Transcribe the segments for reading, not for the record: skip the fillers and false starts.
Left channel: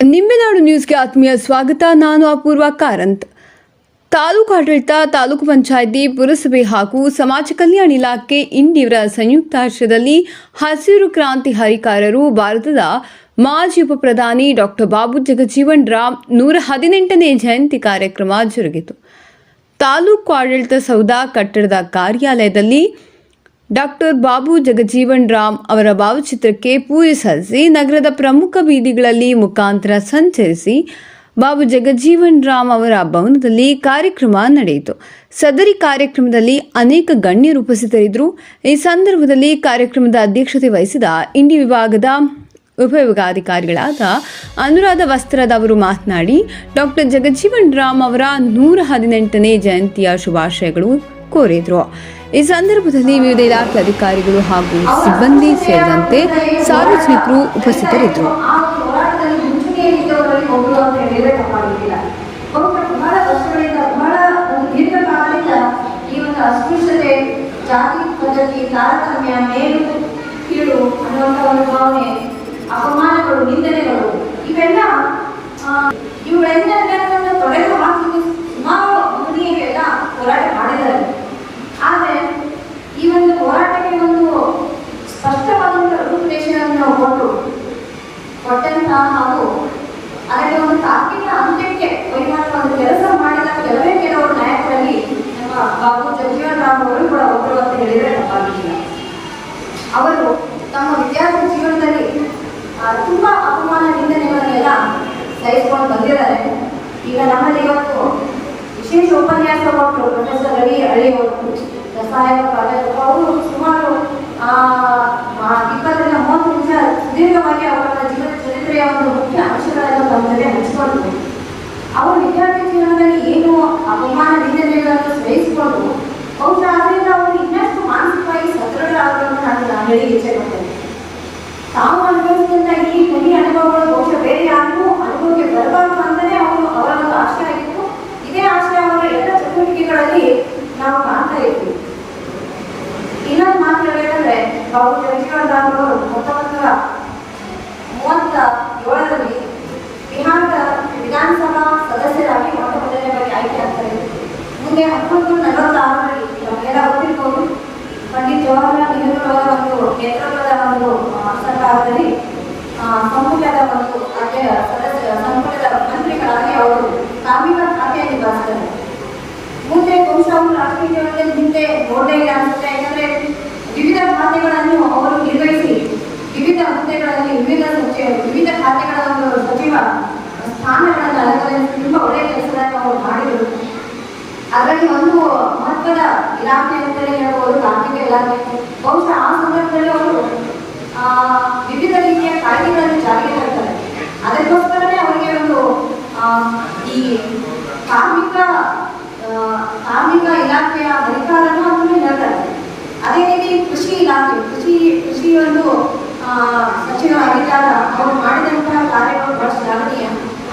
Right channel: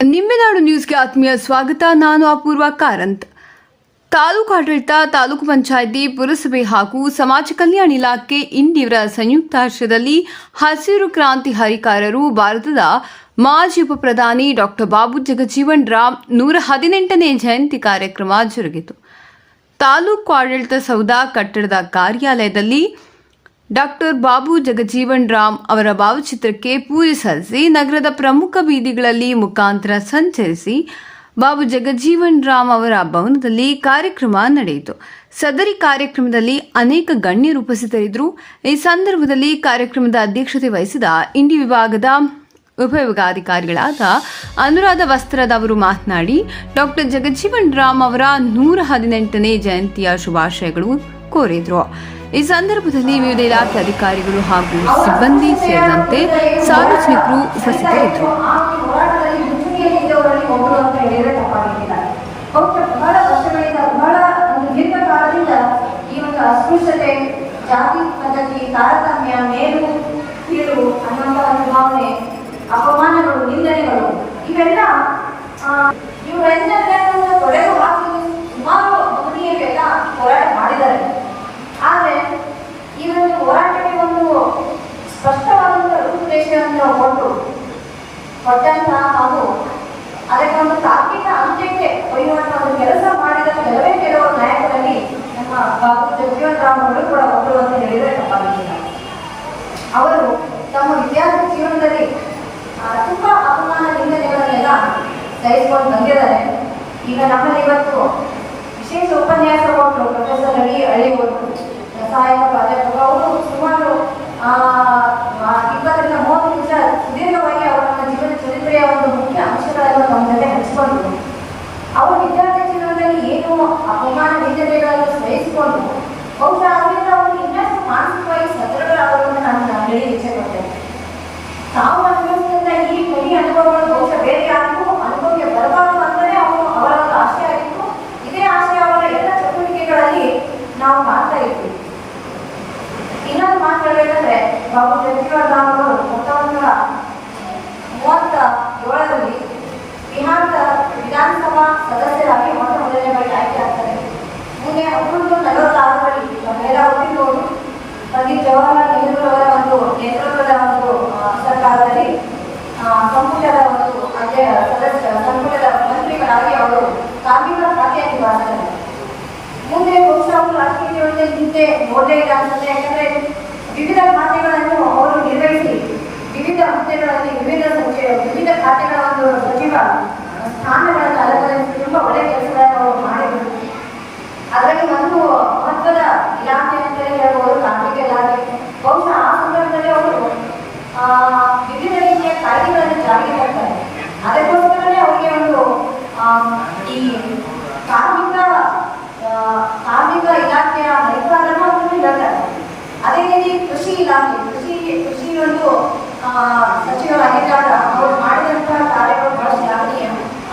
ನಿಂಬೆನಾಡು ನ್ಯೂಸ್ಗೆ ಆತ್ಮೀಯ ಸ್ವಾಗತ. ನಾನು ಅಪೂರ್ವ ಕಾರಂತ್. ತಾಲೂಕು ಆಡಳಿತ, ತಾಲೂಕು ಪಂಚಾಯಿತಿ, ಪುರಸಭೆ ಹಾಗೂ ಸಮಾಜ ಕಲ್ಯಾಣ ಇಲಾಖೆ ಇಂಡಿಯವರ ಸಂಯುಕ್ತಾಶ್ರಯದಲ್ಲಿ ಹಸಿರು ಕ್ರಾಂತಿ ಹರಿಕಾರರು ಭಾರತದ ಮಾಜಿ ಉಪ ಪ್ರಧಾನಿ ಡಾಕ್ಟರ್ ಬಾಬು ಜಗಜೀವನ್ ರಾಮ್ 118ನೇ ಜಯಂತಿ ಕಾರ್ಯಕ್ರಮ ಜರುಗಿತು. ತಾಲೂಕು ಆಡಳಿತ ಸೌಧ ಕಟ್ಟಡದ ಕಾರ್ಯಾಲಯದಲ್ಲಿ ಡಾಕ್ಟರ್ ಬಾಬು ಜಗಜೀವನ್ ರಾಮ್ ಅವರ ಭಾವಚಿತ್ರಕ್ಕೆ ಪೂಜೆ ಸಲ್ಲಿಸಿ ನಗರದ ಪ್ರಮುಖ ಬೀದಿಗಳಲ್ಲಿ ಮುಖಾಂತರ ಸಂಚರಿಸಿ ಬಾಬು ಜಗಜೀವನ್ ರಾಮ್ ಅವರ ಭವನದಲ್ಲಿ ಕಾರ್ಯಕ್ರಮ ನಡೆಯಿತು. ಸದರಿ ಕಾರ್ಯಕ್ರಮದಲ್ಲಿ ಅನೇಕ ಗಣ್ಯರು ಉಪಸ್ಥಿತರಿದ್ದರು. ಈ ಸಂದರ್ಭದಲ್ಲಿ ಕಾರ್ಯಕ್ರಮದ ಅಧ್ಯಕ್ಷತೆ ವಹಿಸಿದ ಇಂಡಿ ವಿಭಾಗದ ಉಪವಿಭಾಗಾಧಿಕಾರಿಗಳಾದ ಅನುರಾಧ ವಸ್ತ್ರದ ಅವರು ಮಾತನಾಡಿ ಡಾಕ್ಟರ್ ಜಗಜೀವನ್ ರಾಮ್ ಅವರ 118ನೇ ಜಯಂತಿಯ ಶುಭಾಶಯಗಳು ಕೋರಿದರು. ಈ ಸಂದರ್ಭದಲ್ಲಿ ವಿವಿಧ ಇಲಾಖೆ ಅಧಿಕಾರಿಗಳು ಹಾಗೂ ಸಿಬ್ಬಂದಿ ಸೇರಿದಂತೆ ಸಾರ್ವಜನಿಕರು ಉಪಸ್ಥಿತರಿದ್ದರು. ಜಾತಿ ಪದ್ಧತಿ, ತಾರತಮ್ಯ, ಮೇಲು ಕೀಳು ಅನ್ನುವಂಥ ಒಂದು ಭಾವನೆ, ಅಪಮಾನಗಳು, ನಿಂದನೆಗಳು ಇವೆಲ್ಲವನ್ನು ತೊಡೆದು ಹಾಕಲು ಸುಮಾರು ಮಹನೀಯರು ಎಲ್ಲ ಹೋರಾಟ ಮಾಡಿದ್ದಾರೆ. ಆದರೆ ಈ ಒಂದು ಹೋರಾಟಕ್ಕೆ ಒಂದು ಸ್ಪಷ್ಟವಾದಂಥ ರೂಪುರೇಷೆಯನ್ನು ಕೊಟ್ಟಂತಹ ಹಾಗೂ ಅದಕ್ಕೆ ಒಂದು ತಾರ್ಕಿಕ ಅಂತ್ಯಕ್ಕೆ ಒಯ್ಯುವಂಥ ಒಂದು ಕೆಲಸ ಮಾಡಿದ ಕೆಲವರು ನಾಯಕರಲ್ಲಿ ನಮ್ಮ ಬಾಬು ಜಗಜೀವನ್ ರಾಮ್ ಅವರು ಕೂಡ ಒಬ್ಬರು ಅಂತ ಹೇಳಿದರೆ ತಪ್ಪಾಗಿಲ್ಲ. ಅವರು ತಮ್ಮ ವಿದ್ಯಾರ್ಥಿ ಜೀವನದಲ್ಲಿ ತುಂಬಾ ಅಪಮಾನ ನಿಂದನೆಗಳನ್ನೆಲ್ಲ ಸಹಿಸಿಕೊಂಡು ಬಂದಿದ್ದಾರೆ. ಈಗ ನಮ್ಮಲ್ಲಿ ಇವತ್ತು ವಿಶೇಷ ಉಪನ್ಯಾಸ ಕೊಟ್ಟರು ಪ್ರೊಫೆಸರ್ ರವಿ ಹಳ್ಳಿಯವರು, ರಸಾಯನ ಪ್ರಾಧ್ಯಾಪಕ. ಅವರು ಸುಮಾರು 20-30 ನಿಮಿಷ ಸುದೀರ್ಘವಾಗಿ ಅವರ ಜೀವನ ಚರಿತ್ರೆಯ ಒಂದು ಮುಖ್ಯ ಅಂಶಗಳನ್ನು ನಮ್ಮ ಜೊತೆ ಹಂಚಿಕೊಂಡ್ರು. ಅವರು ವಿದ್ಯಾರ್ಥಿ ಜೀವನದಲ್ಲಿ ಏನು ಅಪಮಾನ ನಿಂದನೆಗಳನ್ನು ಸಹಿಸಿಕೊಂಡು ಬಹುಶಃ ಅದರಿಂದ ಅವರು ಇನ್ನಷ್ಟು ಮಾನಸಿಕವಾಗಿ ಸದೃಢರಾಗುವಂತ ನಾನು ಹೇಳಿ ಇಚ್ಛೆ ಪಡ್ತೇನೆ. ತಾವು ಅನುಭವಿಸಿದಂಥ ಈ ಕಹಿ ಅನುಭವಗಳು ಬಹುಶಃ ಬೇರೆ ಯಾರಿಗೂ ಅನುಭವಕ್ಕೆ ಬರಬಾರದು ಅಂತಲೇ ಅವರ ಒಂದು ಆಶಯ ಆಗಿತ್ತು. ಇದೇ ಆಶಯ ಅವರ ಎಲ್ಲ ಚಟುವಟಿಕೆಗಳಲ್ಲಿ ನಾವು ಕಾಣ್ತಾ ಇದ್ವಿ. ಇನ್ನೊಂದು ಮಾತು ಹೇಳಬೇಕಂದ್ರೆ, ಬಾಬು ಜಗಜೀವನ್ ರಾಮ್ ಅವರು 1937ರಲ್ಲಿ ಬಿಹಾರದ ವಿಧಾನಸಭಾ ಸದಸ್ಯರಾಗಿ ಮೊದಲನೇ ಬಾರಿ ಆಯ್ಕೆ ಆಗ್ತಾರೆ. ಮುಂದೆ 1946ರಲ್ಲಿ ನಮಗೆಲ್ಲ ಗೊತ್ತಿರ್ಬೋದು, ಪಂಡಿತ್ ಜವಾಹರ್ಲಾಲ್ ನೆಹರು ಅವರ ಒಂದು ನೇತೃತ್ವದ ಒಂದು ಸರ್ಕಾರದಲ್ಲಿ ಸಂಪುಟದ ಒಂದು ಸಂಪುಟದ ಮಂತ್ರಿಗಳಾಗಿ ಅವರು ಕಾರ್ಮಿಕ ಖಾತೆಯನ್ನು ನಿಭಾಯಿಸ್ತಾರೆ. ಮುಂದೆ ಬಹುಶಃ ಅವರು ರಾಷ್ಟ್ರೀಯ ಜೀವನದಲ್ಲಿ ಹಿಂದೆ ನೋಡಲೇ ಇಲ್ಲ ಅನ್ಸುತ್ತೆ. ಯಾಕಂದ್ರೆ ವಿವಿಧ ಖಾತೆಗಳನ್ನು ಅವರು ನಿರ್ವಹಿಸಿ ವಿವಿಧ ಹುದ್ದೆಗಳಲ್ಲಿ ವಿವಿಧ ಖಾತೆಗಳ ಒಂದು ಸಚಿವ ಸ್ಥಾನಗಳನ್ನು ಅಲಂಕರಿಸಿ ತುಂಬಾ ಒಳ್ಳೆಯ ಕೆಲಸಗಳನ್ನು ಅವರು ಮಾಡಿದರು. ಅದರಲ್ಲಿ ಒಂದು ಮಹತ್ವದ ಇಲಾಖೆ ಅಂತಲೇ ಹೇಳ್ಬೋದು ಕಾರ್ಮಿಕ ಇಲಾಖೆ. ಬಹುಶಃ ಆ ಸಂದರ್ಭದಲ್ಲಿ ಅವರು ವಿವಿಧ ರೀತಿಯ ಕಾಯ್ದೆಗಳನ್ನು ಜಾರಿಗೆ ತರ್ತಾರೆ. ಅದಕ್ಕೋಸ್ಕರನೇ ಅವರಿಗೆ ಒಂದು ಈ ಕಾರ್ಮಿಕ ಇಲಾಖೆಯ ಅಧಿಕಾರನ ಅಂತಲೂ ಹೇಳ್ತಾರೆ. ಅದೇ ರೀತಿ ಕೃಷಿ ಇಲಾಖೆ, ಕೃಷಿ ಒಂದು ಸಚಿವರಾಗಿದ್ದಾಗ ಅವರು ಮಾಡಿದಂತಹ ಕಾರ್ಯಗಳು ಬಹಳ ಶ್ಲಾಘನೀಯ.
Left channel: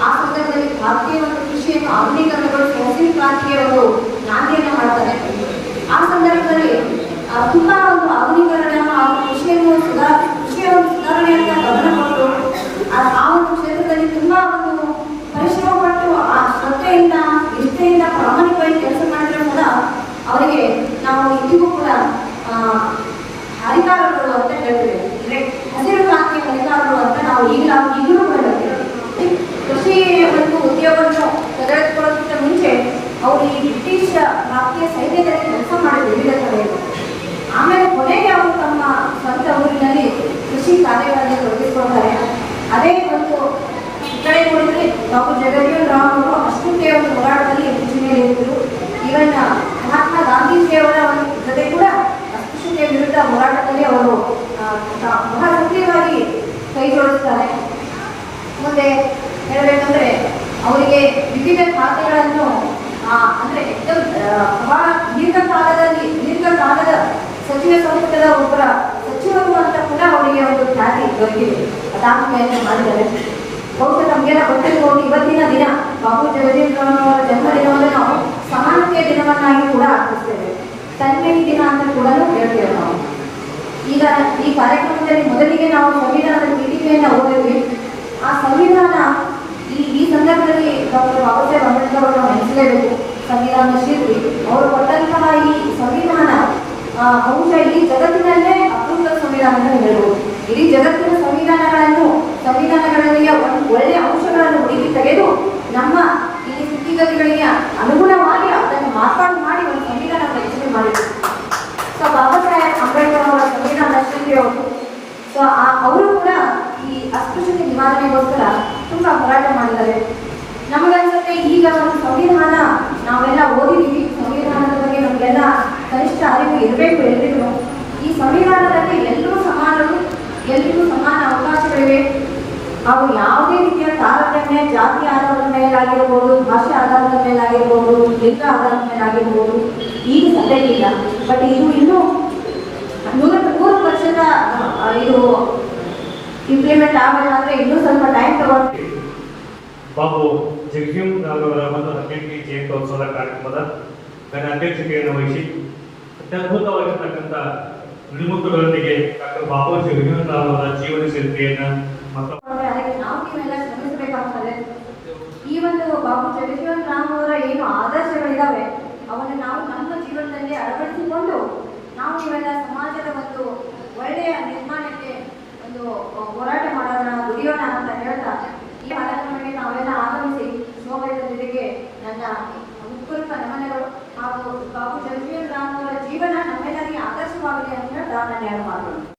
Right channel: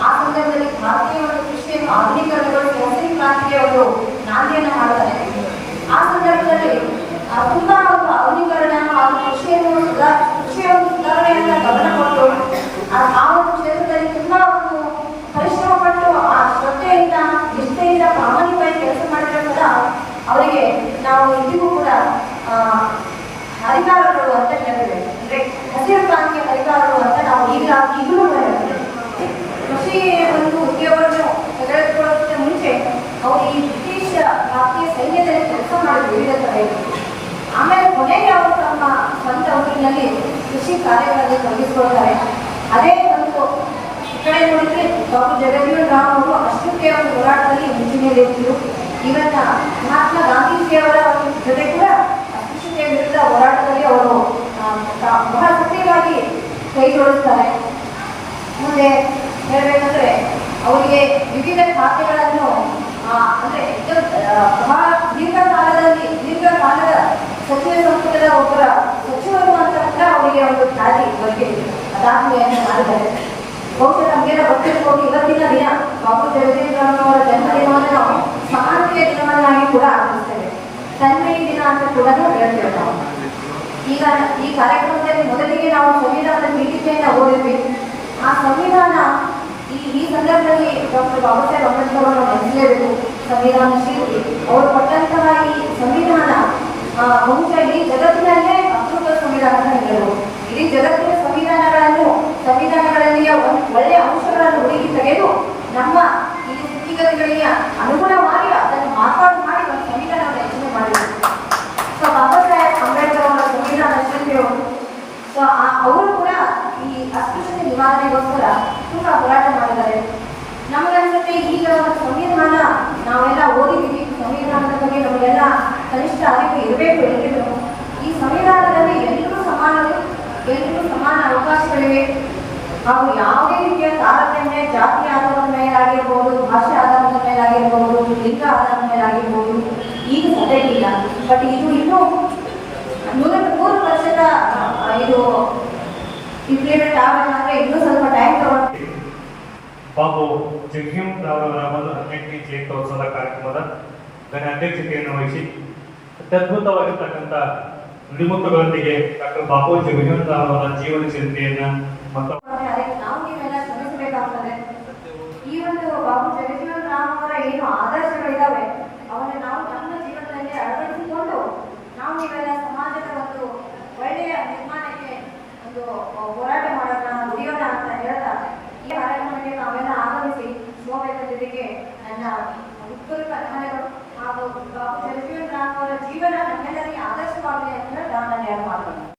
ಆ ಸಂದರ್ಭದಲ್ಲಿ ಭಾರತೀಯ ಒಂದು ಕೃಷಿಯನ್ನು ಆಧುನೀಕರಣಗೊಳಿಸಿ ಹಸಿರು ಕ್ರಾಂತಿಯ ಒಂದು ನಾಂದಿಯನ್ನು ಮಾಡ್ತಾರೆ. ಆ ಸಂದರ್ಭದಲ್ಲಿ ತುಂಬಾ ಒಂದು ಆಧುನೀಕರಣ ಹಾಗೂ ಕೃಷಿಯ ಒಂದು ಸುಧಾರಣೆಯಿಂದ ಗಮನ ಕೊಟ್ಟು ಆ ಒಂದು ಕ್ಷೇತ್ರದಲ್ಲಿ ತುಂಬಾ ಒಂದು ಪರಿಶ್ರಮ ಪಟ್ಟು ಆ ಶ್ರದ್ಧೆಯಿಂದ, ನಿಷ್ಠೆಯಿಂದ, ಪ್ರಾಮಾಣಿಕವಾಗಿ ಕೆಲಸ ಮಾಡಿರೋದ ಅವರಿಗೆ ನಾವು ಇಂದಿಗೂ ಕೂಡ ಅಧಿಕಾರಗಳು ಅಂತ ಹೇಳ್ತೇವೆ. ಅಂದ್ರೆ ಹಸಿರು ಕ್ರಾಂತಿಯ ಅಧಿಕಾರಗಳು ಅಂತ ನಾವು ಈಗಲೂ ಕೂಡ ಹೇಳ್ತೇವೆ. ಕೃಷಿ ಒಂದು ಉದ್ಯೋಗವನ್ನು ತೆಗೆದುಕೊಳ್ಳೋದಕ್ಕೆ ಮುಂಚೆ ಅವರು ಈ ಬ್ರಿಟಿಷ್ ಭಾರತೀಯ ಸೈನ್ಯದಲ್ಲಿ ಕೆಲಸ ಮಾಡಿದ್ರು ವಿವಿಧ ಕಡೆಯಲ್ಲಿ. ಆಮೇಲೆ ಕೊನೆಗೆ ಅವರು ತಮ್ಮ ಸ್ವಂತ ಊರಿನಲ್ಲಿ ಕೃಷಿ ಕಾರ್ಯಗಳಲ್ಲಿ ತೊಡಗಿಸಿಕೊಳ್ತಾರೆ. ಅದೇ ಒಂದು ಕಡೆ ಕೊಡುಗೆ ಬಾಬು ಜಗಜೀವನ್ ರಾಮ್ ಅವರು ಅಷ್ಟಕ್ಕೆ ಒಂದು ಹೋರಾಟದಲ್ಲಿ ಮುಂಚೂಣಿಯಲ್ಲಿದ್ದರು. ಇವನ್ನ ಮಹಾತ್ಮ ಗಾಂಧೀಜಿಯವರ ಜೊತೆ ಕೂಡ ಅಸ್ಪೃಶ್ಯತೆಯ ವಿರುದ್ಧ ಹೋರಾಟದಲ್ಲಿ ಅವರು ಬಹಳ ಸಕ್ರಿಯವಾಗಿ ಕೈ ಜೋಡಿಸ್ತಾರೆ. ಮುಂದೆ ಹೇಳಬೇಕಂದ್ರೆ ಅವರಿಗೆ ವಿವಿಧ ಖಾತೆಗಳನ್ನು ಅಂದ್ರೆ ಬಹಳ ದೀರ್ಘಕಾಲದ ಸಚಿವ ಸಂಪುಟದ ಒಬ್ಬರ ಸಚಿವರು ಅಂತ ಕೂಡ ಅವರಿಗೆ ಒಂದು ಖ್ಯಾತಿ ದೊರಕಿದೆ. ಅದಾದ್ಮೇಲೆ ಮಾಡಿದ್ದಾರೆ. ಬಹುಶಃ ನಮಗೆಲ್ಲ ಗೊತ್ತಿರ್ಬೋದು, ಇವತ್ತಿನ ದಿನ ಬಾಬು ಜಗಜೀವನ್ ರಾಮ್ ಅವರ ಜನ್ಮದಿನವನ್ನು ನಾವು ಸಮಾನತೆಯ ದಿನವನ್ನಾಗಿ ಕೂಡ ಆಚರಿಸ್ತೇವೆ. ತನ್ಮಯಿ ದಿನ ಅಂತ ಕೂಡ ಹೇಳ್ತೇವೆ ನಾವು. ಈಗ ಈ ಕಾರ್ಯಕ್ರಮದಲ್ಲಿ ಮೊದಲಿಗೆ ನಾವು ಸಂವಿಧಾನದ ಪೀಠಿಕೆಯನ್ನು ಓದಿದ್ವಿ. ಆ ಸಂವಿಧಾನ ಸಂದರ್ಭದಲ್ಲಿ ಡಾಕ್ಟರ್ ಬಾಬಾ ಸಾಹೇಬ್ ಅಂಬೇಡ್ಕರ್ ಅವರು ನೆನೆಸಲೇಬೇಕು. ಸಂವಿಧಾನ ಶಿಲ್ಪಿ ಅವರು ಕೊಟ್ಟಂತಹ ಈ ಸಂವಿಧಾನ ಅಂಶ ಇಡೀ ಜಗತ್ತಿನಲ್ಲೇ ಅಪೂರ್ವ ಸಂವಿಧಾನದ ನೆರವು. ಇಡೀ ಜಗತ್ತಿನ ಸಂವಿಧಾನಗಳಲ್ಲಿ ಒಳ್ಳೆಯ ಅಂಶಗಳನ್ನು ಹುಡುಕಿ ತೆಗೆದು ನಮ್ಮ ಈ ಸ್ಥಿತಿಗತಿಗಳಿಗೆ ಅನುಗುಣವಾಗಿ ಅದನ್ನು ಮಾರ್ಪಾಡು ಮಾಡಿ ಒಂದು ಸಂವಿಧಾನ ರಚನೆ ಮಾಡಿದರು. ಸೊ ಬಾಬಾ ಸಾಹೇಬ್ ಅಂಬೇಡ್ಕರ್ ಅವರ ಸಂವಿಧಾನ ಶಿಲ್ಪಿ ಅವರು. ಸೊ ಅವರು ಕೂಡ ಈ ಅಸ್ಪೃಶ್ಯತೆ ನಿವಾರಣೆಗೋಸ್ಕರ ತುಂಬಾ ಹೋರಾಟ ಮಾಡಿದ್ದಾರೆ. ನಮಗನ್ಸುತ್ತೆ ಈಗ ಒಂದು ಸಂವಿಧಾನ ನಾವೆಲ್ಲ ಓದಿದ್ದೀವಿ, ಸಂವಿಧಾನದ ಬಗ್ಗೆ ನಮಗೆಲ್ಲ ಕನಿಷ್ಠ ಅರಿವು ಇರಬೇಕು ಎಲ್ರಿಗೂ. ಈ ಸಂವಿಧಾನದಲ್ಲಿ ಎಲ್ಲರೂ ಸಮಾನರು, ಎಲ್ರಿಗೂ ಸಮಾನ ಅವಕಾಶಗಳಿವೆ ಹಾಗೂ ಯಾವುದೇ ರೀತಿಯ ತಾರತಮ್ಯ ಜಾತಿ ಆಧಾರದ ಮೇಲಾಗಿರ್ಬೋದು, ಭಾಷೆ ಆಧಾರದ ಮೇಲಾಗಿರ್ಬೋದು, ಲಿಂಗ ಆಧಾರದ ಮೇಲಾಗಿರ್ಬೋದು ಈಗ ಸದ್ಯಕ್ಕಿಲ್ಲ. ಬಟ್ ಇದು ಇನ್ನೂ 100% ಇದು ಇಂಪ್ಲಿಮೆಂಟ್ ಆಗಬೇಕಾದ್ರೆ ಇನ್ನೂ ಸ್ವಲ್ಪ ಟೈಮ್ ತಗೊಂಡು. ಬಾಬು ಜಗಜೀವನ್ ರಾವ್ ಅವರ 118ನೇ ಜಯಂತ್ಯೋತ್ಸವ ಕಾರ್ಯಕ್ರಮದ ಅಧ್ಯಕ್ಷತೆಯನ್ನು ವಹಿಸಿ ಅತ್ಯದ್ಭುತವಾಗಿರ್ತಕ್ಕಂಥ ನುಡಿಮುತ್ತುಗಳೊಂದಿಗೆ ಡಾಕ್ಟರ್ ಬಾಬು ಜಗಜೀವನ್ ರಾವ್ ಅವರ ಜೀವನ ಚರಿತ್ರೆಯನ್ನು